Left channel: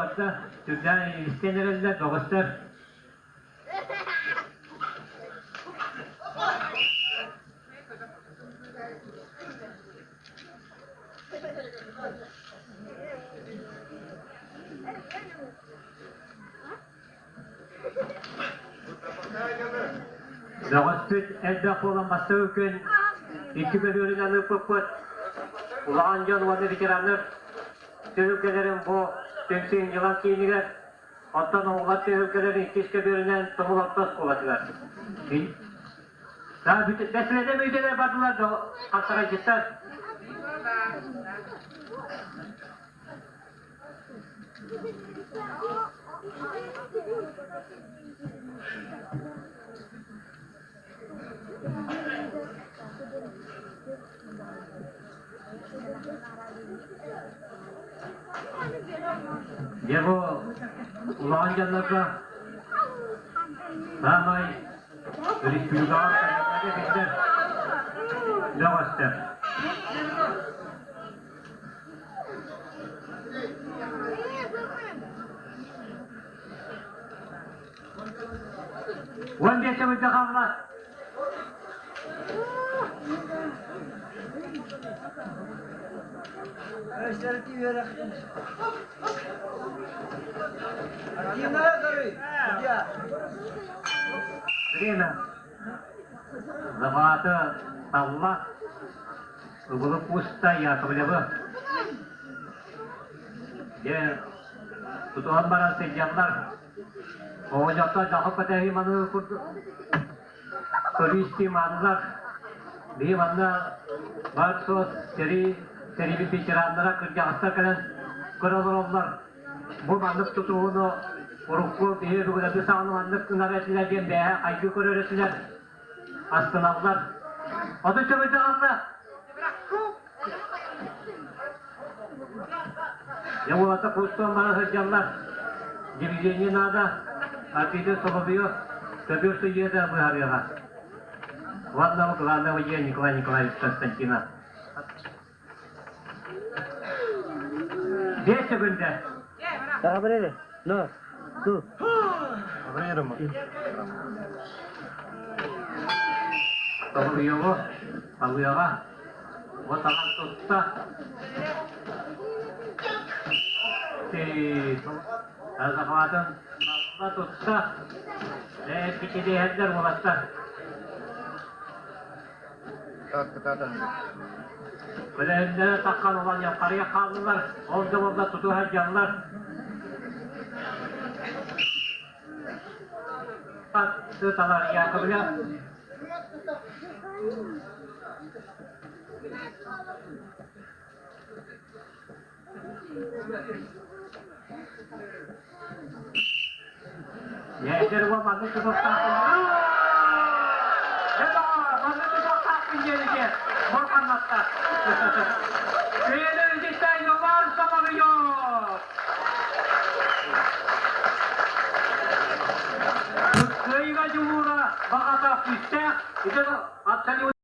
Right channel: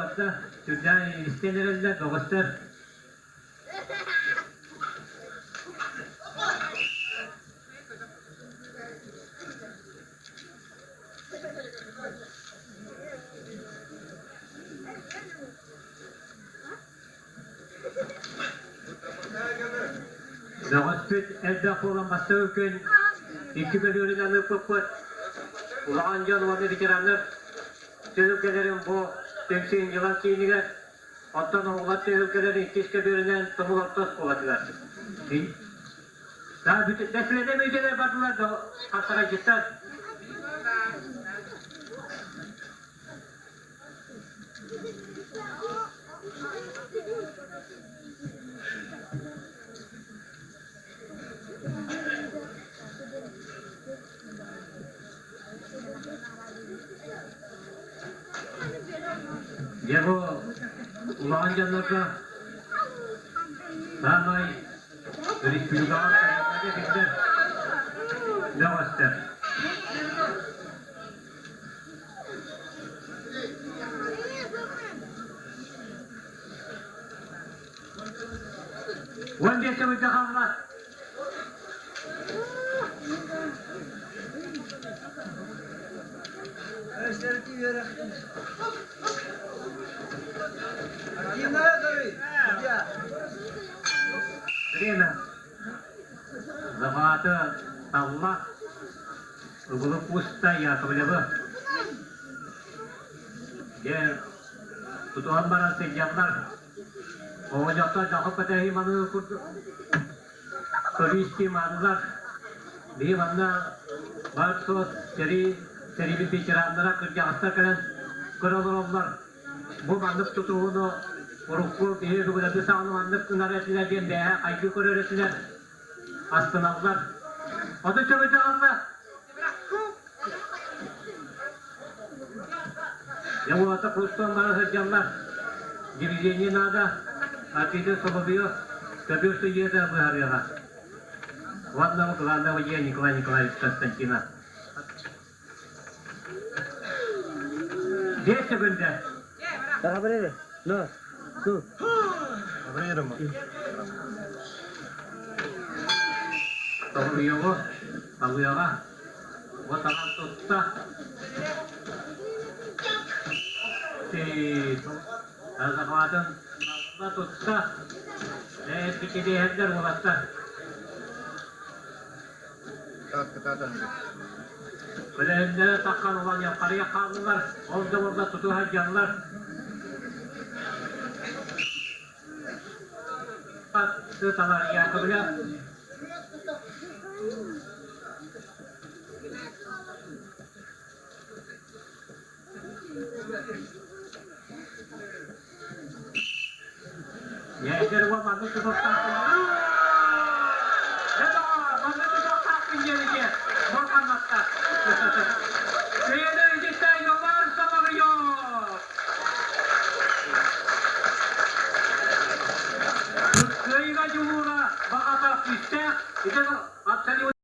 Hatta Türkler istenirler, doğuşlar. Doğuştur, elde olan bastı gün, iki bölümünün alıp koput. Ulağan canıvarlı dikerenler, Türklerin bu tümsüğün yılan kiyiniler, hatta oğlan Türklerin ikişke bölümünden tımılattas kovadılar. Daha bütün meselede müjdeler vardılar da hastara gittiler. Ya bu ulağan canlarla ramay bir külgar kayıtlarda bizler lavastır. Wanda sa magkakamlat. Rina, Zavata Allah, Ugulu Pusta ya kabilaba. Dia tutuhan barang sejanlar. O jata daha patahi manu kuristi manular. Dia mana barso seri bir biçaranlara kerja hasta kalian kurallar. Bu mandık tutuğunu Urukku diye bir kadar sağını mandık öğrettiler diye de ayıcı kur öğrettiler. Astınavlar. O da çöpüde aldı. Ya bu hata kustan bana hırcanlar. Gireceğini nada. Akide sokuyor. Tabi su yeda bu harika. Vallahi kulağında ujiye Nikolay Konstantina. Dia sebentar. Apa ini? No, tuh. Apa ini rumah? Tahu ya lah. Buat tangan tutah. Si, ada kawasan, apa tutah? Kita dihajar mulata. Kata-kata. Böyle takkan olan yukarıya kaldılar. Orada tutuhan canlar. Tutalar yakabiliyor. Yedir bu mandı tutup takın. Mandı tutup takın gelecek. Morkan hatta. Köyede önceden yollar samanıyor. Köyüme cumhura bakata piste. İşte atçali